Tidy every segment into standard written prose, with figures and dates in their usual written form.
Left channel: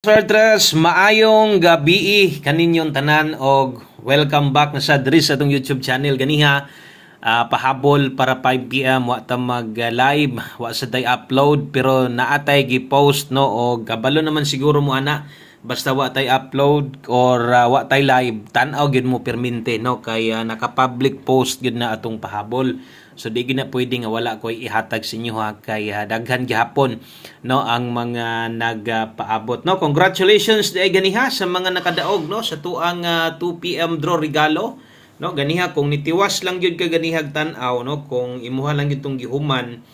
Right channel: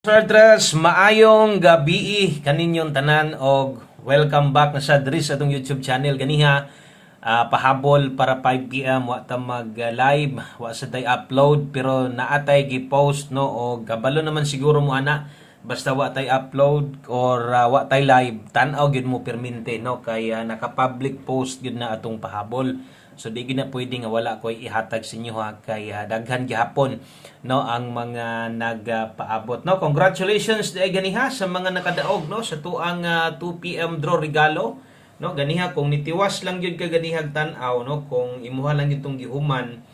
Swertres, maayong gabi kaninyong tanan og welcome back na sa diri sa atong YouTube channel ganiha. Pahabol para 5 PM wa ta mag live, wa sa day upload pero naatay gi-post no og kabalo naman siguro mo ana basta wa tay upload or wa tay live tan-aw gyud mo permente no kay naka-public post gyud na atong pahabol. So di gina pwede nga wala ko'y ihatag sa inyo ha kay daghan gihapon no ang mga nagpaabot no. Congratulations di ay ganiha sa mga nakadaog no sa tuang 2 PM draw regalo no ganiha kung nitiwas lang gyud ka ganihag tan-aw no kung imuha lang itong gihuman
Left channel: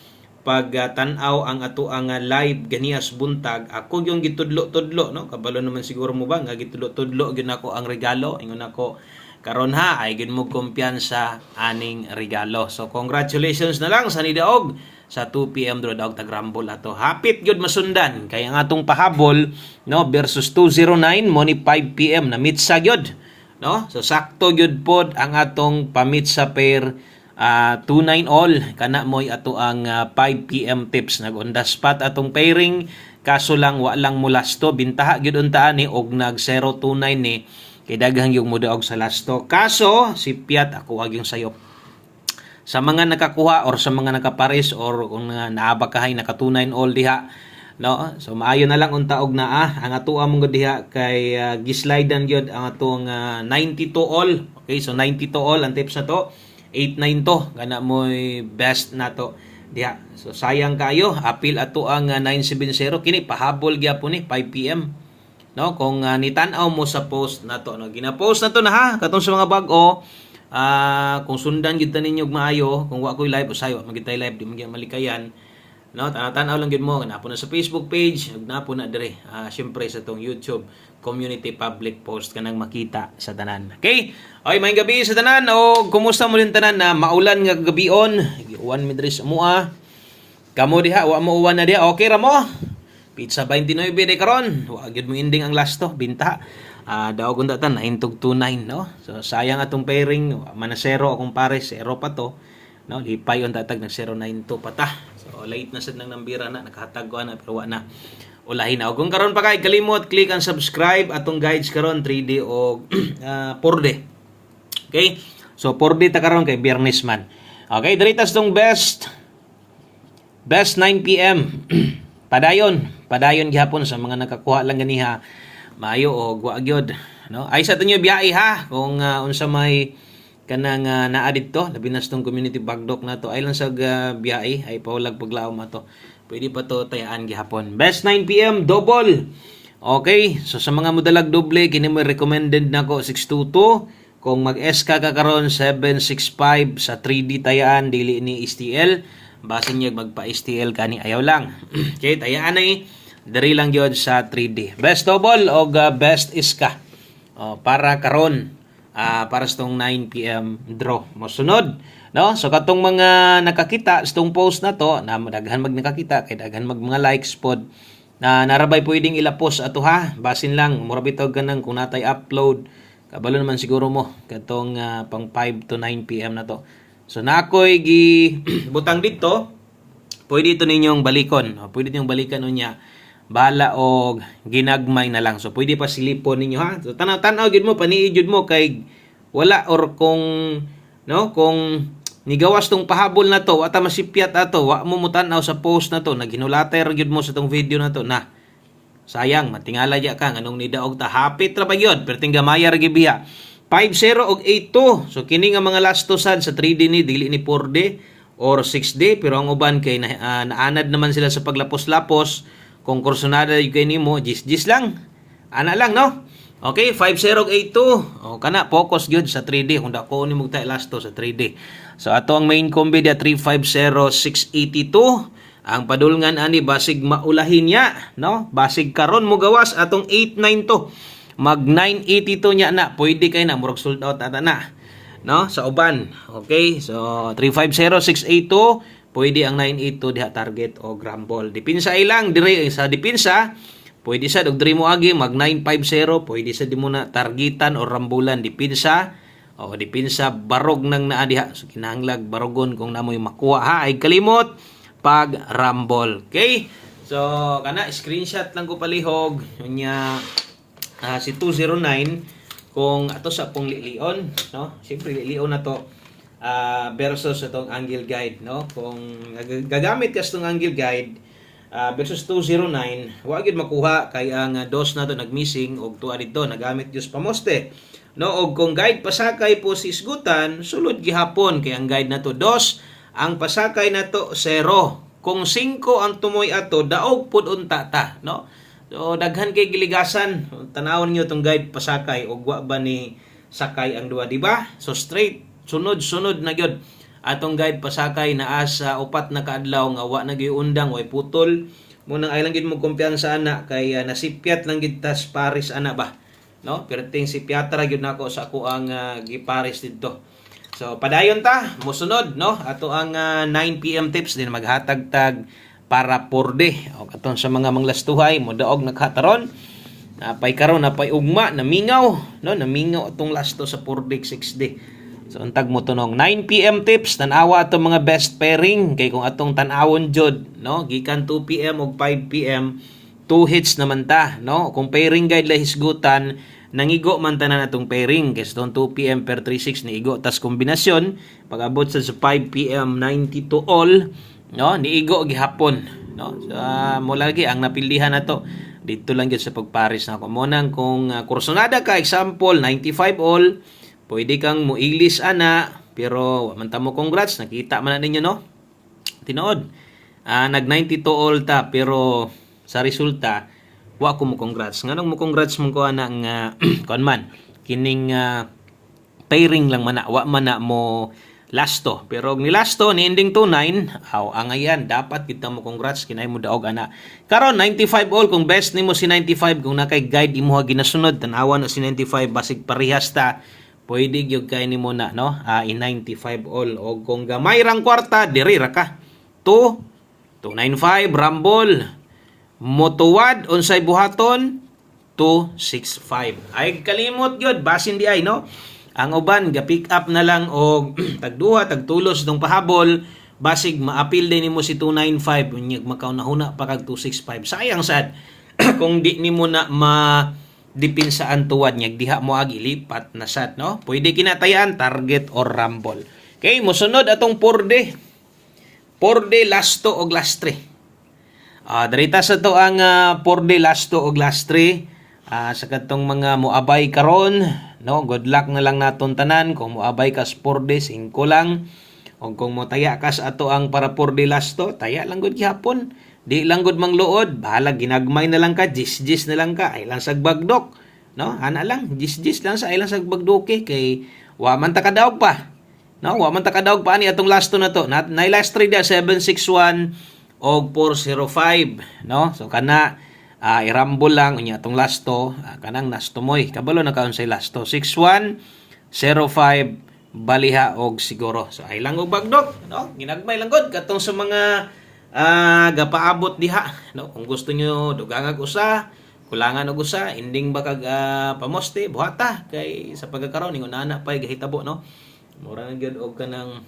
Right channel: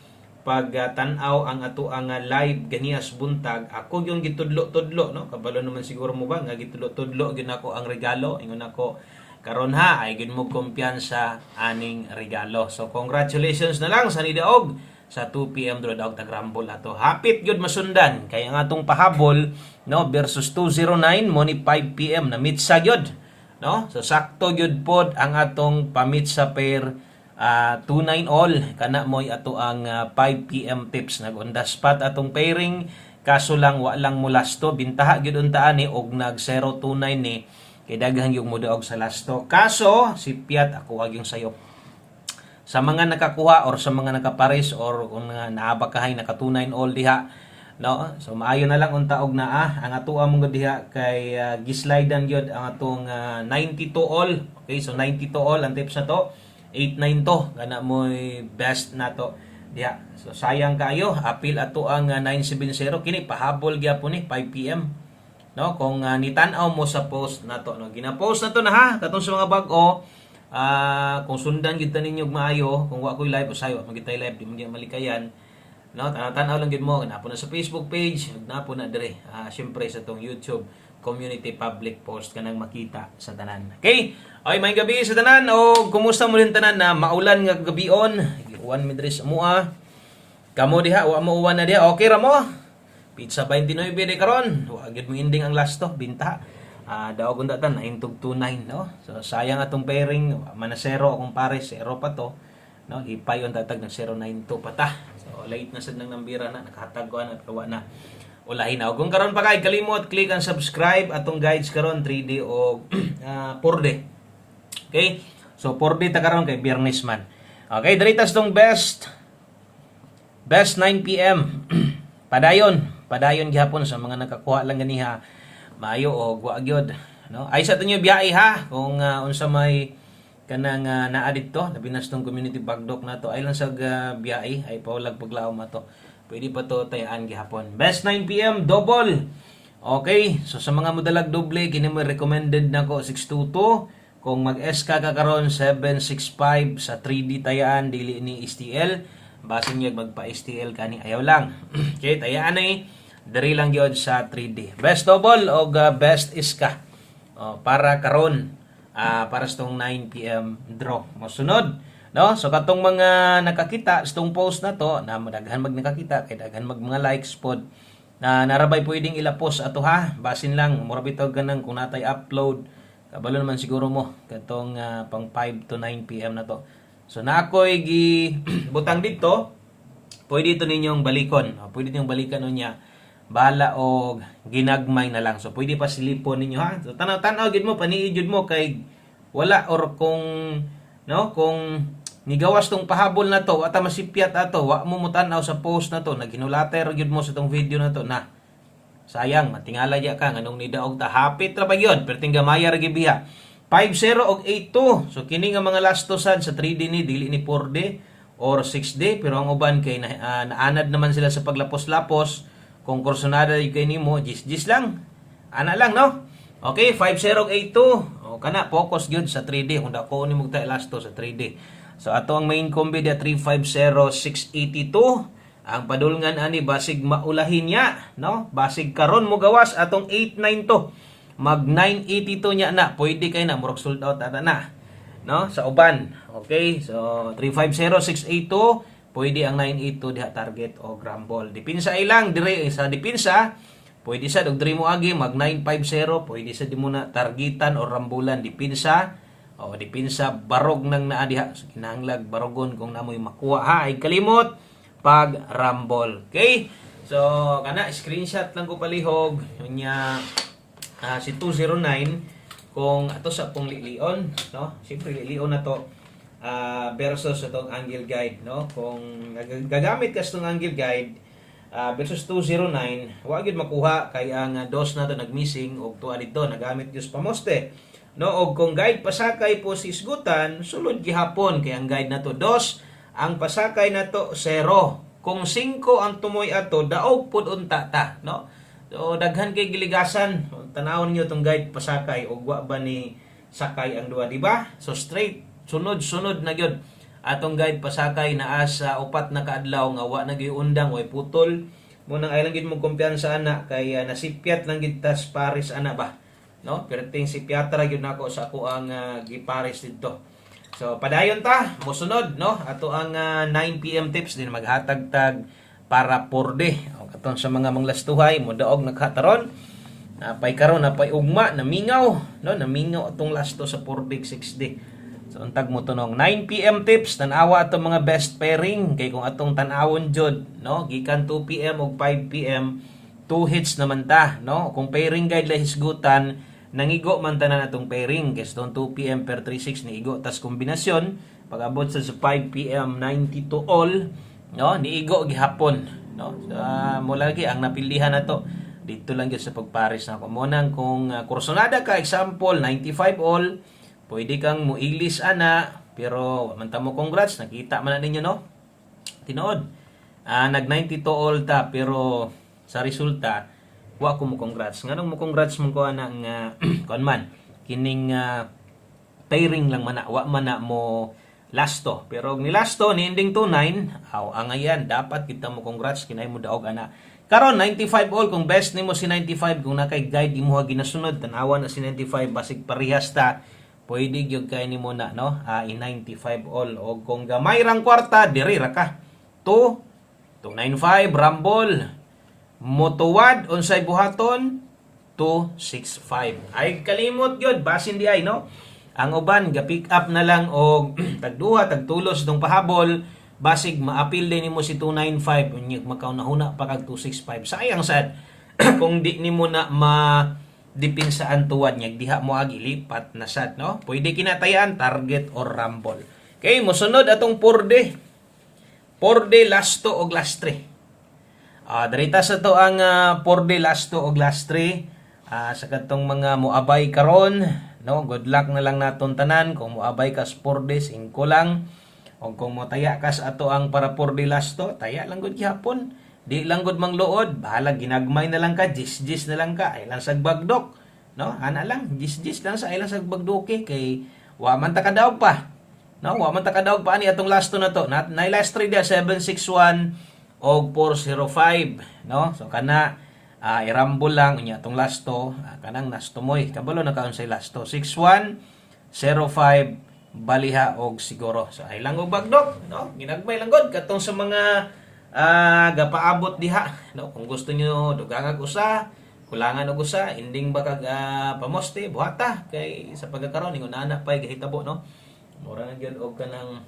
pag tan-aw ang ato ang live ganihas buntag ako yung gitudlo-tudlo no kabalo naman siguro mo ba nga gitudlo-tudlo gyud nako ang regalo ingon ako karon ha ay gid mo kumpiyansa aning regalo. So congratulations na lang sa nidaog sa 2 PM draw daog tagrambol ato. Hapit gyud masundan kay ang atong pahabol no versus 209 mo ni 5 PM na mitsa gyud no. So sakto gyud pod ang atong pamitsa pair 29 all kana moy ato ang 5 PM tips nag-on the spot atong pairing kaso lang wa lang mulasto bintaha gyud unta ani og nag 029 ni kay daghang yung mudaog sa lasto. Kaso si Piat ako aging sayop. Sa mga nakakuha or sa mga nakapares or kung naabakahay naka 29 all diha no. So maayo na lang unta og naa ang ato among diha kay gislidean gyud ang atong 92 all. Okay, so 92 all ang tips na to. 89 to kana moy best nato diha. So sayang kayo apil ato ang 970 kini pahabol gyapon ni 5 PM. No, kung nitan-aw mo sa post nato no, gina-post na to na ha katong sa mga bag-o kung sundan gid ninyo maayo kung wa koy live usayo magitay live di man malikayan no tan-aw lang gid mo napo na sa Facebook page napo na dire syempre sa tong YouTube community public post kanang makita sa tanan. Okay, ay may gabi sa tanan o kumusta mo din tanan na maulan nga gabion uwan mi diri sa mua kamo diha wa mo uwan na diha okay ra mo. Pizza 29 di karon. Wa gyud mo ending ang last to binta. Daw kun datan 929 no. So sayang atong pairing manasero akong pare zero pa to. No, lipay on tatag nag 092 pa ta. So late na sad nang nambira na nakahatag ko na pero wa na. Ulahin na. Kung karon pa kay kalimot click ang subscribe atong guides karon 3D o 4D. Okay? So 4D ta karon kay Biyernes man. Okay, diritas tong best 9 PM. Padayon gihapon sa mga nakakuha lang ganiha maayo og wa gyud no ay sa tunyo biyahe ha kung unsa may kanang naa didto labi na tong community bagdok nato ay lang sa biyahe ay paulag paglaom ato pwede pa to tayaan gihapon best 9 PM double. Okay, so sa mga modalag doble kini mo recommended nako 622 kung mag-SK ka karon 765 sa 3D tayaan dili ni STL basin niya magpa-STL kani ayaw lang. Okay, tayaan ay diri lang gyud sa 3D. Best double o best iska. Para karon para sa tong 9 PM draw. Mosunod, no? So katong mga nakakita sa tong post na to, na daghan mag nakakita kay daghan mag mga likes pod na narabay pwedeng ilapos ato ha. Basin lang mura bitaw ganang kung natay upload. Kabalo naman siguro mo katong pang 5 to 9 PM na to. So nakoy gi butang dito, pwede ito ninyong balikon. Pwede ninyong balikan unya. Bahala og ginagmay na lang. So pwede pa silipon ninyo ha. So tanaw-tanaw gid mo paniid jud mo kay wala or kung no kung nigawas tong pahabol na to ata masipyat ato wa mo mutan-aw sa post na to naginulater gid mo sa tong video na to na sayang matingala ya ka nganong nidaog ta hapit ra ba gyud perting gamaya ra gid biya 50 og 82. So kini nga mga last to sad sa 3D ni dili ni 4D or 6D pero ang uban kay naanad naman sila sa paglapos-lapos kung kursonada yung kay nimo gis lang. Ana lang no. Okay, 50 og 82. O kana focus gyud sa 3D kung dako ni mo tay last to sa 3D. So ato ang main combi dia 350682. Ang padulngan ani basig maulahin niya no. Basig karon mo gawas atong 89 to. Mag 982 nya na pwede kay na murag sold out ata na no sa uban. Okay, so 350682 pwede ang 982 diha target o grambol dipinsa ilang dire sa dipinsa pwede sa og diri mo agi mag 950 pwede sa di mo na targetan o rambulan dipinsa o dipinsa barog nang naa diha so kinahanglag barogon kung namoy makuha ha ay kalimot pag rambol. Okay, So kana screenshot lang ko palihog nya si 209 kung ato sa pong lilion, no? Siyempre lilion na to versus itong angle guide, no? Kung gagamit ka sa itong angle guide versus 209, wa gid makuha kay ang dos na to nagmissing og tuwa dito nagamit gyud pamoste. No, og kung guide pasakay po si isgutan, sulod gihapon kay ang guide na to dos, ang pasakay na to 0. Kung 5 ang tumoy ato, daog pud unta ta, no? So daghan kay giligasan, tanawon niyo tong guide pasakay og wa ba ni sakay ang duha, di ba? So straight, sunod-sunod na gyud atong guide pasakay naa sa upat na kaadlaw nga wa na gyud undang way putol. Munang ay lang gid mo kumpiyansa ana kay nasipyat lang gid tas Paris ana ba, no? Perting si Piatra gyud nako sa ako ang gipares didto. So padayon ta mosunod, no? Ato ang 9 PM tips din maghatag-tag para porde. O katon sa mga manglastuhay mo daog naghataron. Napay karon napay ugma namingaw, no? Namingaw atong lasto sa porde 6D. So untag mo tunong 9 PM tips tan-awa atong mga best pairing kay kung atong tan-awon jud, no? Gikan 2 PM ug 5 PM 2 hits naman ta, no? Kung pairing guide la hisgutan nangigo man tanan atong pairing kay sa 2 PM per 36 ni igo tas kombinasyon pag-abot sa 5 PM 90 to all, no? Niigo gihapon, no? So, mo lagi ang napilihan nato dito lang gyud sa pagpares na ko mo nang kung kursonada ka example 95 all pwede kang muilis ana pero man ta mo congrats nakita man na ninyo, no? Tinuod nag 92 all ta pero sa resulta wa ko mo congrats. Nganong mo congrats mo ko ana nga kon man kining pairing lang man wa man na mo lasto. Pero ni lasto ni ending 29, ang ayan dapat kita mo congrats kinay mo daog ana. Karon 95 all kung best nimo si 95 kung nakay guide imo ginasunod tan-awa na si 95 basig parehas ta. Pwede gyud kay nimo na, no? In 95 all og kung gamay rang kwarta diri ra ka. 295 rumble motuwad unsay buhaton 265. Ay kalimot gyud basin di ay, no? Ang uban ga pick up na lang og tagduha tagtulos dong pahabol basig maapil din nimo si 295 unya makaunahuna pa kag 265. Sayang sad kung di nimo na dipinsaan tuwad niya diha mo agi lipat na sad, no? Pwede kinatayan target or rumble. Okay, mosunod atong porde lasto og lastre. Darita sa to ang porde lasto og lastre sa katong mga moabay karon, no? Good luck na lang naton tanan kung moabay ka sa porde 5 lang o kung mo taya ka sa ato ang para porde lasto taya lang gud gihapon. Di lang gud mangluod, bahala ginagmay na lang ka, jis na lang ka, ay lang sagbagdok, no? Ana lang, jis lang sa ay lang sagbagdoke kay wa man ta kadaog pa. No, wa man ta kadaog pa ani atong lasto na to. Na last trade 761 og 405, no? So kana i-rumble lang unya atong lasto, kanang nasto moy. Kabalo na kaon say lasto 6105 baliha og siguro. So ay lang og bagdok, no? Ginagmay lang gud katong sa mga gapaabot diha, no? Kung gusto nyo dugangag usa, kulangan og usa, ending ba kag pamoste buhata kay sa pagkakaroon ningon ana pay gahitabo, no? Mura na gyud og kanang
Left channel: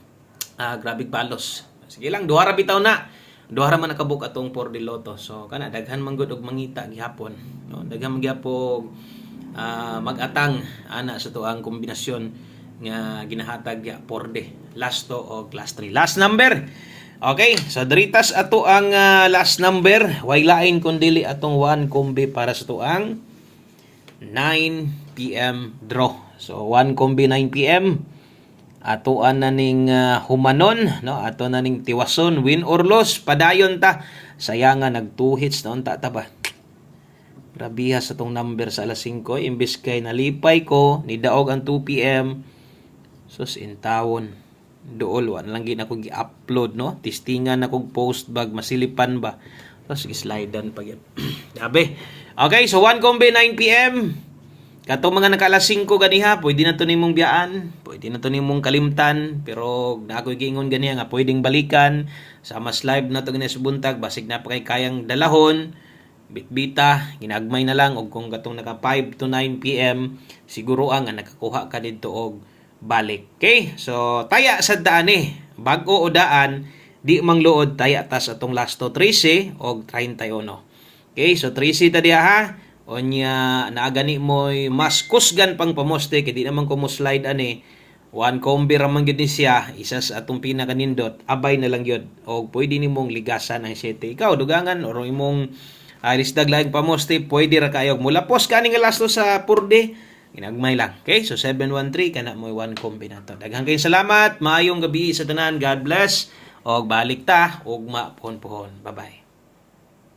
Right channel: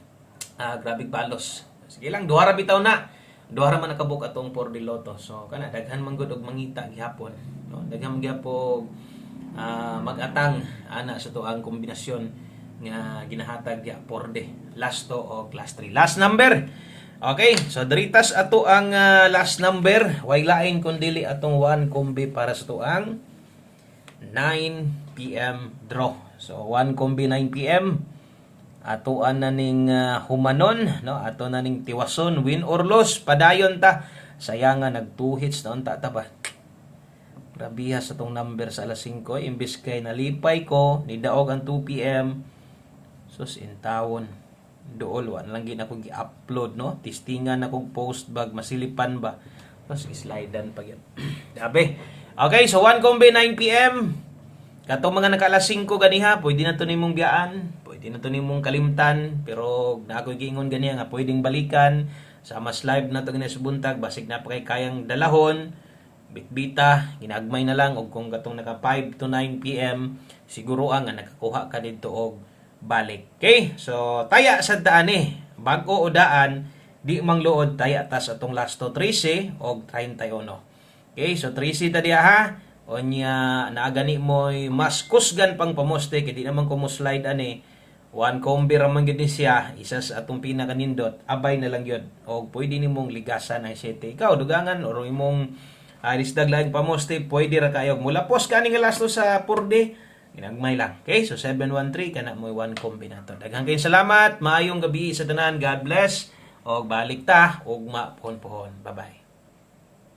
grabig balos. Sige lang duha ra bitaw na. Duha ra man nakabuk atong for the lotto. So kana daghan man gud og mangita gihapon, no? Daghan man gyapon mag-atang ana sa tuang kombinasyon nga ginahatag ya for the lasto o class 3. Last number. Okay, so diritas ato ang last number. Way lain kundi atong 1 kombi para sa tuang 9 PM draw. So 1 kombi 9 PM. Atoan na ning humanon, no? Ato na ning tiwason, win or loss, padayon ta. Sayangan nag 2 hits na unta ta ba. Grabiha sa tong number sa alas 5 imbes kay nalipay ko ni daog ang 2 PM. Sus in tawon. Dool wa lang gid ako gi-upload, no? Testingan ako post bag masilipan ba. Tapos gi-slidean pa gyud. Dabe. Okay, so 1 kombi 9 PM. Katong mga nakalas 5 ganiha, pwede na to nimong biyaan, pwede na to nimong kalimtan, pero nakoy giingon ganiha nga pwedeng balikan sa mas live na to ganiha sa buntag, basig na pa kay kayang dalahon, bitbita, ginagmay na lang og kung katong naka 5 to 9 PM, siguro nga nakakuha ka didto og balik. Okay? So taya sa daan bag-o o daan di mangluod tay atas atong lasto 13 og 31. Okay, so 13 ta diha ha. Onya naagani mo'y mas kusgan pang pamoste kay di naman ko mo slide ani. One combi raman gid ni siya, isa sa atong pinakanindot, abay na lang yun. O pwede nimong ligasan ang 7. Ikaw dugangan or imong iris daglag pamoste, pwede ra kayo. Mula post ka nga lasto sa purde, ginagmay lang. Okay, so 713 kana mo one combi nato. Daghang kayong salamat, maayong gabi sa tanan. God bless. Og balik ta og mapuhon-puhon. Bye-bye.